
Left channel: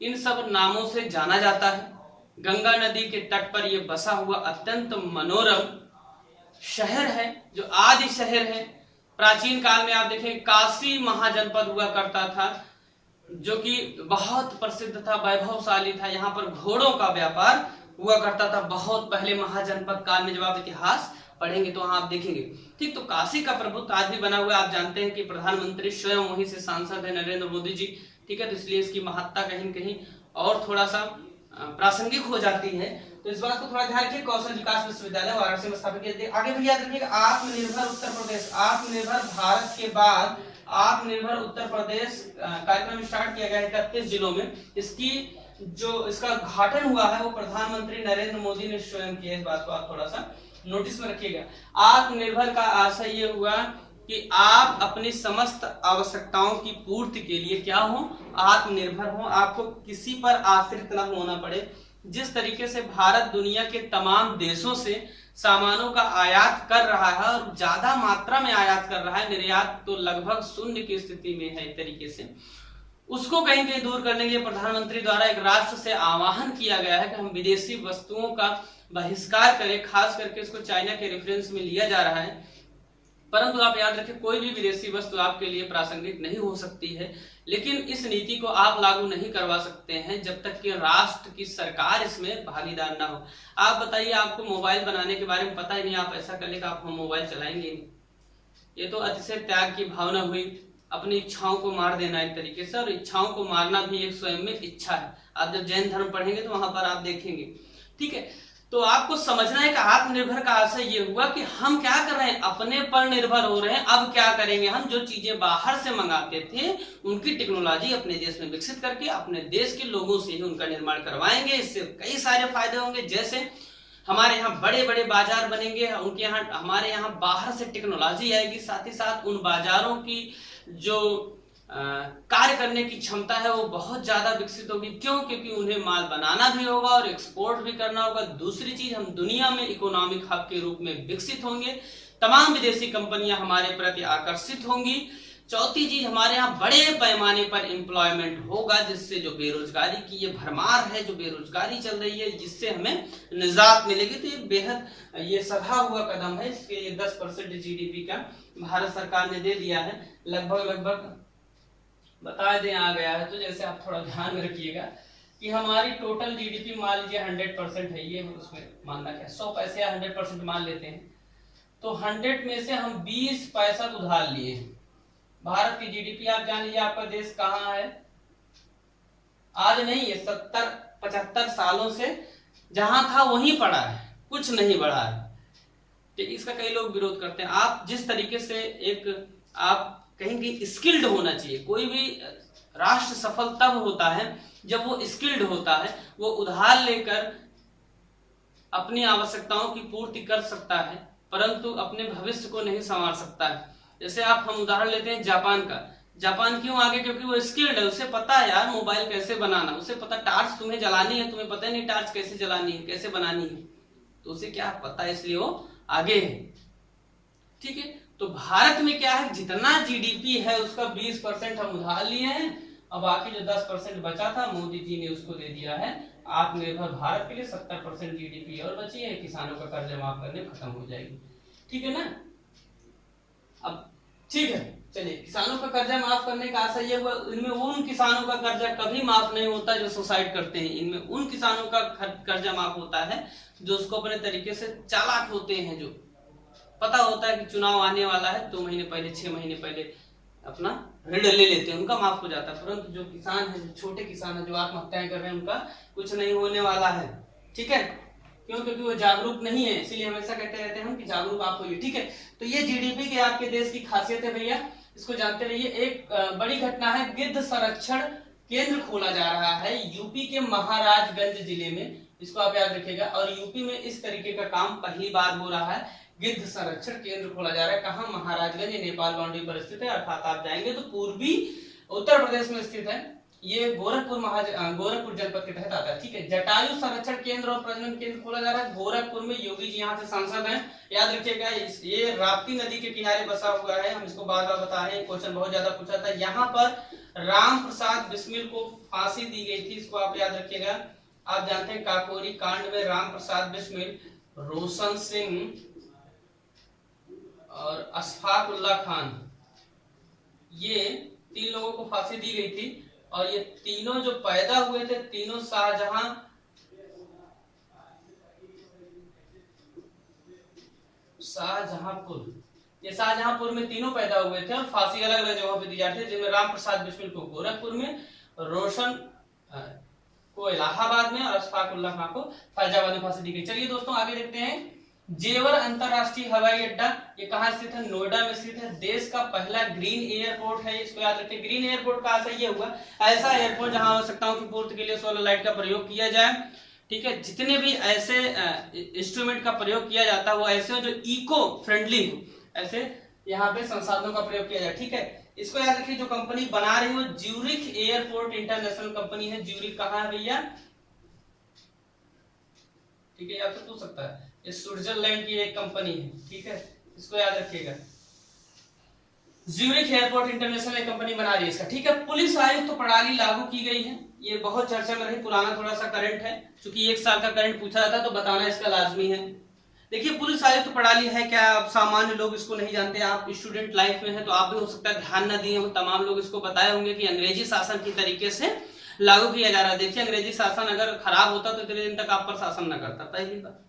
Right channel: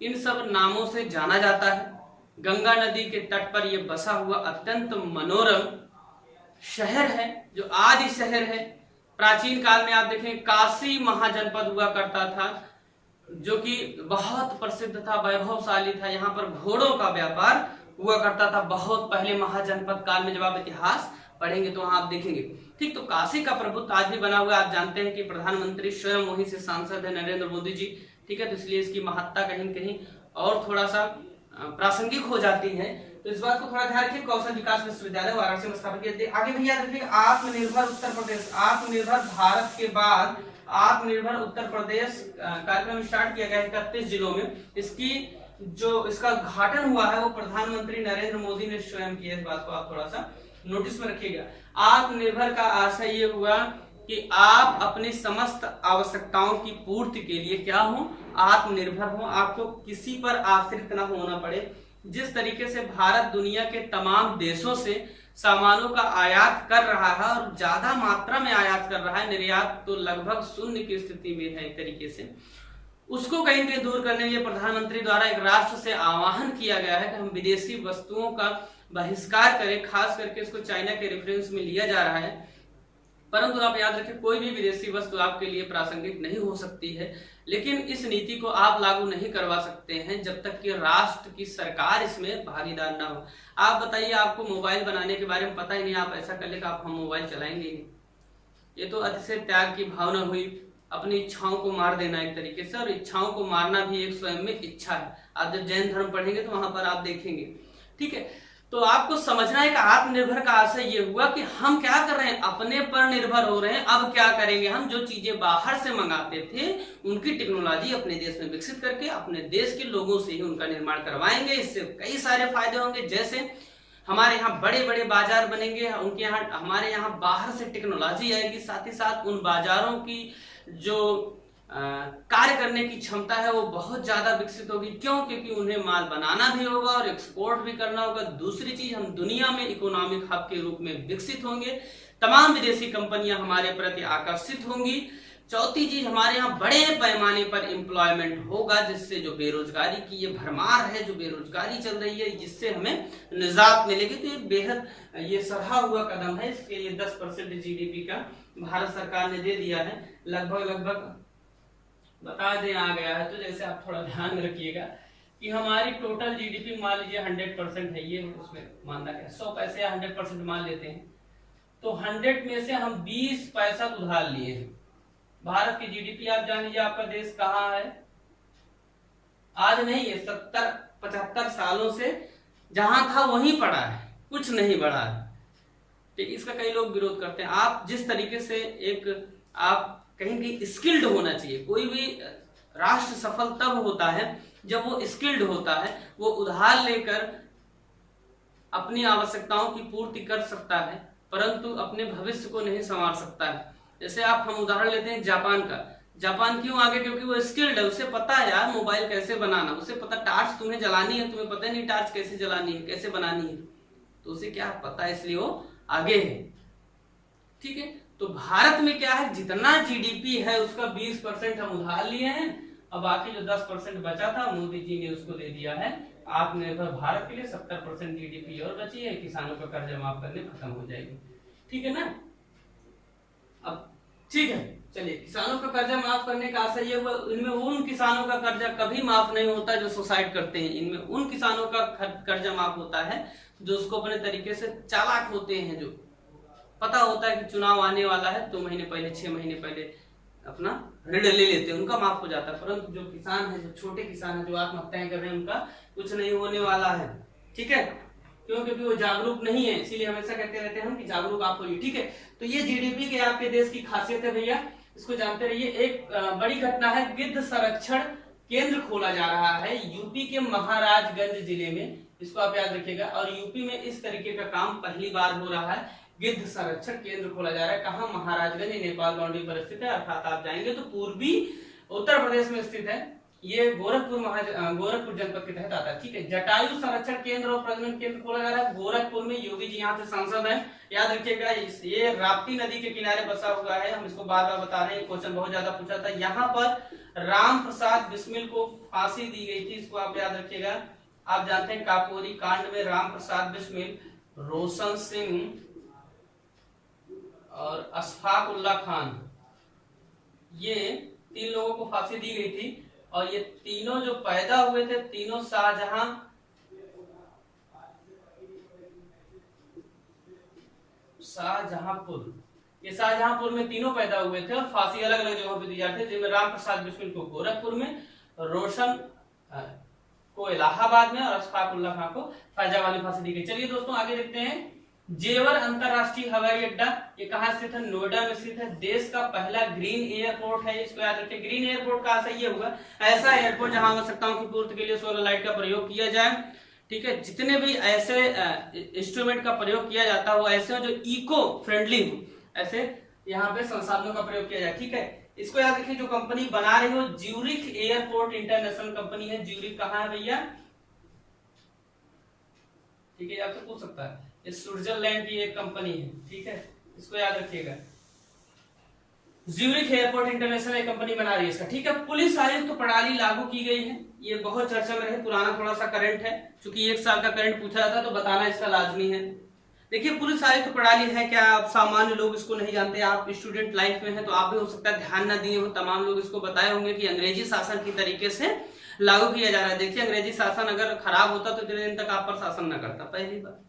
इन सब नामों से जाना जाता है। गंगा नदी के तट पर यह बसा हुआ अत्यंत मनोरम शहर है, जो आदि शहर है। प्राचीन काल में आप देखें, काशी महाजनपद हुआ करता था, जो कि बहुत प्रसिद्ध था, वैभवशाली था। यहाँ पर घोड़ों का व्यापार हुआ करता था बहुत पहले महाजनपद काल में। जब आप इतिहास पढ़ेंगे तो वहां आप देखेंगे। ठीक, तो काशी का प्रभुत्व आज भी बना हुआ है। आप जानते हैं कि प्रधानमंत्री स्वयं वहीं से सांसद है, नरेंद्र मोदी जी। ठीक है, तो इसलिए इसकी महत्ता कहीं न कहीं और थोड़ा सा प्रासंगिक हो जाती है। तो इस बात को थोड़ा ध्यान रखिए। कौशल विकास विश्वविद्यालय वाराणसी में स्थापित किया। आगे भी याद रखिएगा, आत्मनिर्भर उत्तर प्रदेश, आत्मनिर्भर भारत के बाद आत्मनिर्भर उत्तर प्रदेश कार्यक्रम स्टार्ट किया गया 31 जिलों में। इसका उद्घाटन हुआ है वो प्रधानमंत्री नरेंद्र मोदी ने स्वयं किया। इस बात को आप थोड़ा सा नोटिस में रखिएगा। आत्मनिर्भर का आशय ये हुआ कि आप अपनी समस्त आवश्यकताओं की पूर्ति के लिए क्या हो? आत्मनिर्भर हो। आपको किसी पर आश्रित न होना पड़े। जिस तरीके से भारत दुनिया के तमाम देशों से सामानों का आयात कर रहा है और ज्यादा मात्रा में आयात कर रहा है, निर्यात तो लगभग शून्य की स्थिति में है एक तरीके से, उसको कहीं कहीं दूर करने के लिए प्रधानमंत्री द्वारा एक राष्ट्र से आह्वान किया गया है कि हम विदेशी वस्तुओं का बहिष्कार करें। खास करके इसको चाइना के रेफरेंस में लिया जा रहा है। परंतु आप याद रखें, कोई भी विदेशी वस्तु आपके लिए प्रासंगिक नहीं हो सकती है, लेकिन इस नीति को आप लागू नहीं करवा सकते हैं जब तक कि राष्ट्र की सरकार इसमें भागीदार ना हो। आप बताइए, आपको मोबाइल बनाने के बारे में पता ही नहीं, आप ऐसा कर ले कि आप हम मोबाइल चलाएंगे नहीं। ये तो अतिशय त्याग की भावना हुई, अपनी इच्छाओं को मार देना एक तरीके से। और इच्छाओं को मारना भी एक स्वयं में इच्छा है। आप जब जैन धर्म पढ़ेंगे तो वहां पर आप देखेंगे। ठीक है, तो आपको समझना है कि आत्मनिर्भर का आशय ये हुआ कि हम क्या कर रहे हैं, अपने पर निर्भर हो रहे हैं। अब क्या करेंगे, हम जो चीजें बाहर से मंगाते थे उनकी टेक्नोलॉजी अपने देश में विकसित करके अपने देश के लोगों से ही उनका निर्माण करवाएंगे। इससे कई सारे फायदे होंगे, जैसे हमारे यहाँ बड़े बड़े बाजार बनेंगे, उनके यहाँ हमारे यहाँ बाहर से टेक्नोलॉजी आएगी। साथ ही साथ उन बाजारों की जो कार्य करने की क्षमता है वो बहुत ज्यादा विकसित होगी। क्यों? क्योंकि उन्हें माल बनाना भी होगा और एक्सपोर्ट भी करना होगा। दूसरी चीज, हम दुनिया में इकोनॉमिक हब के रूप में विकसित होंगे। तमाम विदेशी कंपनियां हमारे प्रति आकर्षित होंगी। चौथी चीज, हमारे यहाँ बड़े पैमाने पर एम्प्लॉयमेंट होगा, जिससे जो बेरोजगारी की ये भरमार है, जो बेरोजगारी चल रही है, जिससे हमें निजात मिलेगी। तो ये बेहद ये सराहा हुआ कदम है। इसके लिए 10% GDP का भारत सरकार ने दे दिया है। लगभग बता दें आ गया है। तो जैसे आप थोड़ा ध्यान में रखिएगा कि हमारी टोटल GDP मान लीजिए 100% है, ये उसमें मानना क्या 100 पैसे या 100% मान लेते हैं, तो 100 में से हम 20 पैसा उधार लिए हैं। भारत की GDP आप जान लीजिए, आपका देश कहाँ है, आज नहीं है, 70-75 सालों से जहां था वहीं पड़ा है, कुछ नहीं बढ़ा है। तो इसका कई लोग विरोध करते हैं। आप जिस तरीके से आप कहीं कहीं स्किल्ड होना चाहिए। कोई भी राष्ट्र सफल तब होता है जब वो स्किल्ड होता है, वो उधार लेकर अपनी आवश्यकताओं की पूर्ति कर सकता है, परंतु अपने भविष्य को नहीं संवार सकता है। जैसे हम उदाहरण लेते हैं जापान का। जापान क्यों आगे? क्योंकि वो स्किल्ड है, उसे पता है यार मोबाइल कैसे बनाना, उसे पता टार्च तुम्हें जलानी है, तुम्हें पता नहीं टार्च कैसे जलानी है, कैसे बनानी है, तो उसे क्या पता है, इसलिए वो आगे है। ठीक है, तो भारत में क्या है, जितना GDP है उसका 20% हम उधार लिए हैं, और बाकी जो 10% बचा था मोदी जी ने उसको दे दिया है आत्मनिर्भर भारत के लिए। 70% GDP और बची है, किसानों का कर्जा माफ करने खत्म हो जाएगी। ठीक है ना? अब ठीक है, चलिए, किसानों का कर्जा माफ करने का आशय ये हुआ। इनमें उन किसानों का कर्जा कभी माफ नहीं होता जो सुसाइड करते हैं। इनमें उन किसानों का कर्जा माफ होता है जो उसको अपने तरीके से चालाक होते हैं, जो पता होता है कि चुनाव आने वाला है, 2 महीने पहले 6 महीने पहले अपना ऋण ले लेते हैं, उनका माफ हो जाता है। परंतु जो किसान है, जो छोटे किसान है, जो आत्महत्याएं कर रहे हैं, उनका कुछ नहीं होने वाला है। ठीक है, क्यों? क्योंकि वो जागरूक नहीं है, इसीलिए हमेशा कहते रहते हैं हम कि जागरूक आप होइए। ठीक है, तो ये जीडीपी के आपके देश की खासियत है भैया, इसको जानते रहिए। एक बड़ी घटना है, गिद्ध संरक्षण केंद्र खोला जा रहा है यूपी के महाराजगंज जिले में, इसको आप याद रखिएगा। और यूपी में इस तरीके का काम पहली बार हो रहा है, गिद्ध संरक्षण केंद्र खोला जा रहा है। कहाँ? महाराजगंज, नेपाल बाउंड्री पर स्थित है, अर्थात आप जाएंगे तो पूर्वी उत्तर प्रदेश में स्थित है। ये गोरखपुर जनपद के तहत आता है। ठीक है, जटायु संरक्षण केंद्र और प्रजनन केंद्र खोला जा रहा है गोरखपुर में। योगी जी यहाँ से सांसद हैं, याद रखिएगा। ये राप्ती नदी के किनारे बसा हुआ है, हम इसको बार बार बता रहे हैं, क्वेश्चन बहुत ज्यादा पूछा था। यहाँ पर राम प्रसाद बिस्मिल को फांसी दी गई थी, इसको आप याद रखिएगा। आप जानते हैं काकोरी कांड में राम प्रसाद बिस्मिल, रोशन सिंह और अशफाक उल्ला खान, ये 3 लोगों को फांसी दी गई थी। और ये तीनों जो पैदा हुए थे, तीनों शाहजहांपुर में तीनों पैदा हुए थे और फांसी अलग अलग जगहों पे दी जाती है, जिनमें राम प्रसाद बिस्मिल को गोरखपुर में, रोशन को इलाहाबाद में और अशफाक उल्ला खान को फैजाबाद में फांसी दी गई। चलिए दोस्तों आगे देखते हैं। जेवर अंतरराष्ट्रीय हवाई अड्डा, ये कहाँ स्थित है? नोएडा में स्थित है। देश का पहला ग्रीन एयरपोर्ट है, इसको याद रखिए। ग्रीन एयरपोर्ट कहाँ से ये हुआ? ऐसा एयरपोर्ट जहां आवश्यकताओं की पूर्ति के लिए सोलर लाइट का प्रयोग किया जाए। ठीक है, जितने भी ऐसे इंस्ट्रूमेंट का प्रयोग किया जाता है वो ऐसे हो जो इको फ्रेंडली हो, ऐसे यहाँ पे संसाधनों का प्रयोग किया जाए। ठीक है, इसको याद रखिए। जो कंपनी बना रही हो ज्यूरिख एयरपोर्ट इंटरनेशनल कंपनी है। ज्यूरिख कहाँ है भैया? ठीक है, आपसे पूछ सकता है, ये स्विट्जरलैंड की एक कंपनी है। ठीक है, इसको याद रखिएगा। ज्यूरिख एयरपोर्ट इंटरनेशनल एक कंपनी बना रही है इसका। ठीक है, पुलिस आयुक्त प्रणाली लागू की गई है, ये बहुत चर्चा में रही, पुराना थोड़ा सा करंट है, क्योंकि 1 साल का करंट पूछा जाता तो बताना इसका लाजमी है। देखिए, पुलिस आयुक्त प्रणाली है क्या? अब सामान्य लोग इसको नहीं जानते, आप स्टूडेंट लाइफ में है तो आप भी हो सकता है ध्यान न दिए हो, तमाम लोग इसको बताए होंगे कि अंग्रेजी शासन की तरीके से लागू किया जा रहा है। देखिए, अंग्रेजी शासन अगर खराब होता तो इतने दिन तक आप पर शासन न करता, पहली बात।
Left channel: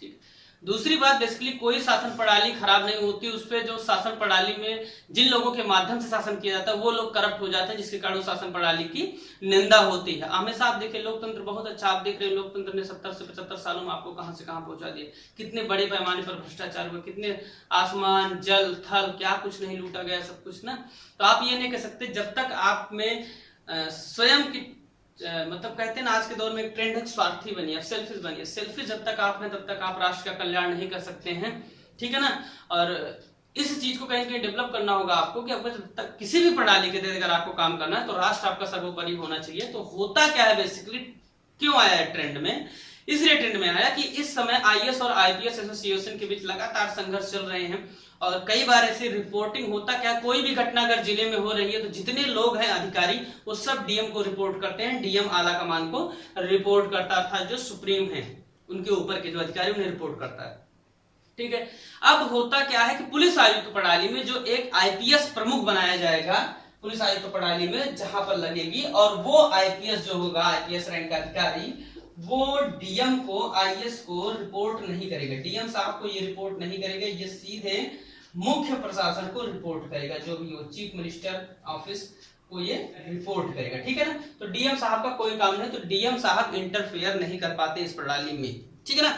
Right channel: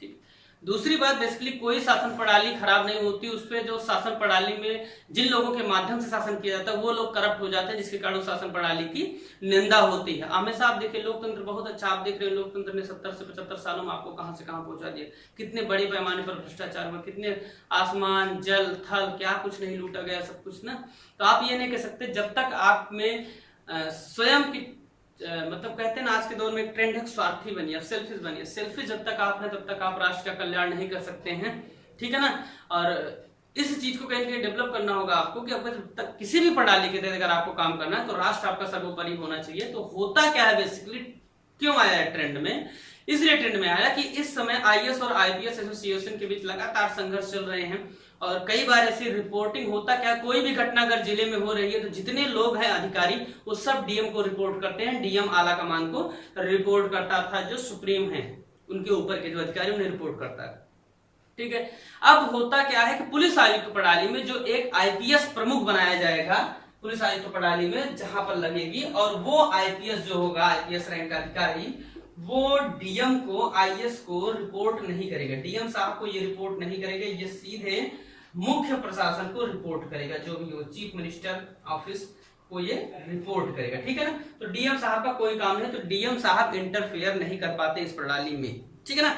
ठीक, दूसरी बात, बेसिकली कोई शासन प्रणाली खराब नहीं होती, उस पर जो शासन प्रणाली में जिन लोगों के माध्यम से शासन किया जाता है वो लोग करप्ट हो जाते हैं, जिसके कारण शासन प्रणाली की निंदा होती है। हमेशा आप देखिए, लोकतंत्र बहुत अच्छा, आप देख रहे हैं लोकतंत्र ने 70 से 75 सालों में आपको कहां से कहां पहुंचा दिया, कितने बड़े पैमाने पर भ्रष्टाचार हुआ, कितने आसमान जल थल क्या कुछ नहीं लूटा गया, सब कुछ ना। तो आप ये नहीं कह सकते जब तक आप में स्वयं की मतलब कहते हैं ना, आज के दौर में एक ट्रेंड है स्वार्थी बनिए, अब सेल्फिश बनिए। सेल्फिश जब तक आप हैं तब तक आप राष्ट्र का कल्याण नहीं कर सकते हैं। ठीक है ना, और इस चीज को कहीं ना कहीं डेवलप करना होगा आपको कि आपको जब तक किसी भी प्रणाली के तहत अगर आपको काम करना है तो राष्ट्र आपका सर्वोपरि होना चाहिए। तो होता क्या है बेसिकली, क्यों आया है ट्रेंड में? इसलिए ट्रेंड में आया कि इस समय आईएएस और आईपीएस एसोसिएशन के बीच लगातार संघर्ष चल रहे हैं और कई बार ऐसी रिपोर्टिंग होता क्या, कोई भी घटना अगर जिले में हो रही है तो जितने लोग हैं अधिकारी वो सब डीएम को रिपोर्ट करते हैं, डीएम आला कमान को रिपोर्ट करता था, जो सुप्रीम है उनके ऊपर के जो अधिकारी उन्हें रिपोर्ट करता है। ठीक है, अब होता क्या है कि पुलिस आयुक्त प्रणाली में जो एक आईपीएस प्रमुख बनाया जाएगा पुलिस आयुक्त प्रणाली में, जहां पर लगेगी, और वो आईपीएस जो होगा, आईपीएस रैंक का अधिकारी, वो डीएम को आईएएस को रिपोर्ट नहीं करेगा, डीएम साहब को ये रिपोर्ट नहीं करेगा, ये सीधे मुख्य प्रशासन को रिपोर्ट करेगा, जो भी हो चीफ मिनिस्टर ऑफिस को ये रिपोर्ट करेगा। ठीक है ना, तो डीएम साहब का कोई काम नहीं, तो डीएम साहब इंटरफेयर नहीं कर पाते इस प्रणाली में। ठीक है ना,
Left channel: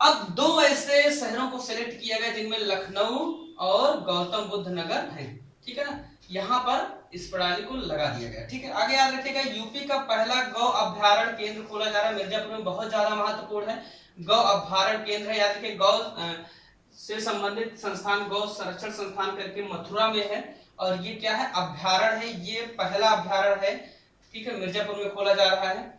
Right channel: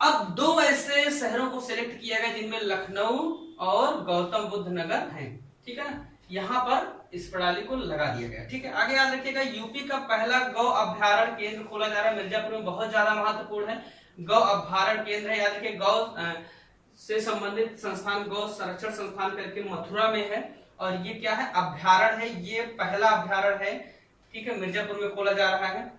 अब 2 ऐसे शहरों को सिलेक्ट किया गया जिनमें लखनऊ और गौतम बुद्ध नगर है। ठीक है ना, यहाँ पर इस प्रणाली को लगा दिया गया। ठीक है, आगे याद रखिएगा, यूपी का पहला गौ अभ्यारण्य केंद्र खोला जा रहा है मिर्जापुर में, बहुत ज्यादा महत्वपूर्ण है। गौ अभ्यारण्य केंद्र है, याद रखिए, गौ से संबंधित संस्थान गौ संरक्षण संस्थान करके मथुरा में है, और ये क्या है, अभ्यारण्य है, ये पहला अभ्यारण्य है। ठीक है, मिर्जापुर में खोला जा रहा है।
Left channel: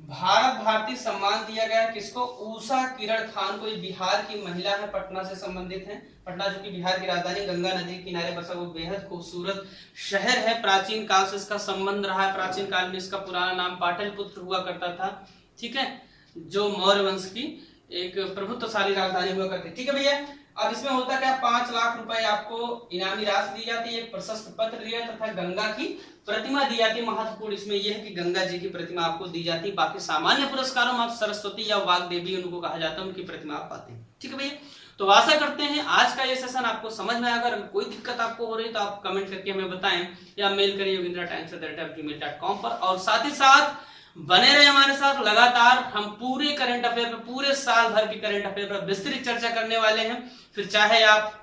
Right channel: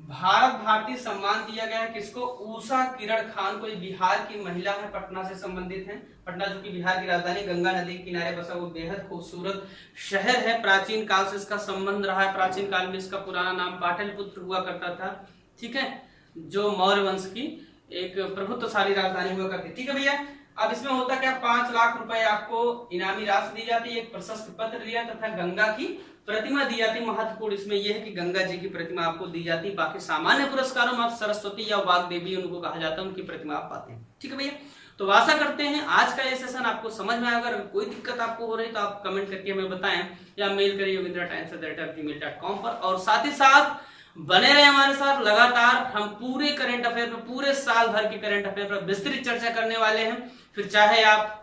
भारत भारती सम्मान दिया गया किसको? उषा किरण खान को, बिहार की महिला है, पटना से संबंधित है। पटना जो कि बिहार की राजधानी, गंगा नदी के किनारे बसा वो बेहद खूबसूरत शहर है, प्राचीन काल से इसका संबंध रहा है। प्राचीन काल में इसका पुराना नाम पाटलिपुत्र हुआ करता था। ठीक है, जो मौर्य वंश की एक प्रभुत्वशाली राजधानी हुआ करती। ठीक है भैया, अब इसमें होता क्या, 5 लाख रुपए आपको इनामी राशि दी जाती है, एक प्रशस्ति पत्र दिया तथा गंगा की प्रतिमा दी जाती। महत्वपूर्ण इसमें यह है कि गंगा जी की प्रतिमा आपको दी जाती। बाकी सामान्य पुरस्कारों में आप सरस्वती या वाग्देवी उनको कहा जाता है, उनकी प्रतिमा आप पाते हैं। ठीक है भैया, तो आशा करते हैं आज का ये सेशन आपको समझ में आया। अगर कोई दिक्कत आपको हो रही तो आप कमेंट करके हमें बताएं या मेल करिए yogendratimes@gmail.com पर। और साथ ही साथ बने रहे हमारे साथ, लगातार हम पूरे करंट अफेयर पर, पूरे साल भर के करंट अफेयर पर विस्तृत चर्चा करने वाले हैं। फिर चाहे आप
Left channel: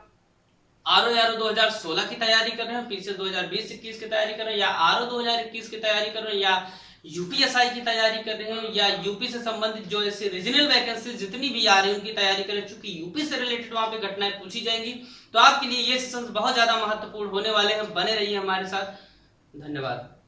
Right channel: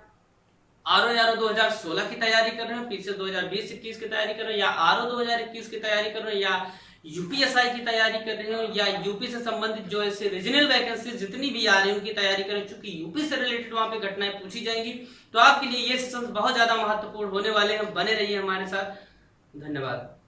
RO 2016 की तैयारी कर रहे हैं, पीछे 2020-21 की तैयारी कर रहे हैं, या RO 2021 की तैयारी कर रहे हैं, या UPSI की तैयारी कर रहे हो, या यूपी से संबंधित जो ऐसे रीजनल वैकेंसी जितनी भी आ रही है उनकी तैयारी करें, चूंकि यूपी से रिलेटेड वहां पे घटनाएं पूछी जाएंगी। तो आपके लिए ये सेशंस बहुत ज्यादा महत्वपूर्ण होने वाले हैं। बने रहिए हमारे साथ। धन्यवाद।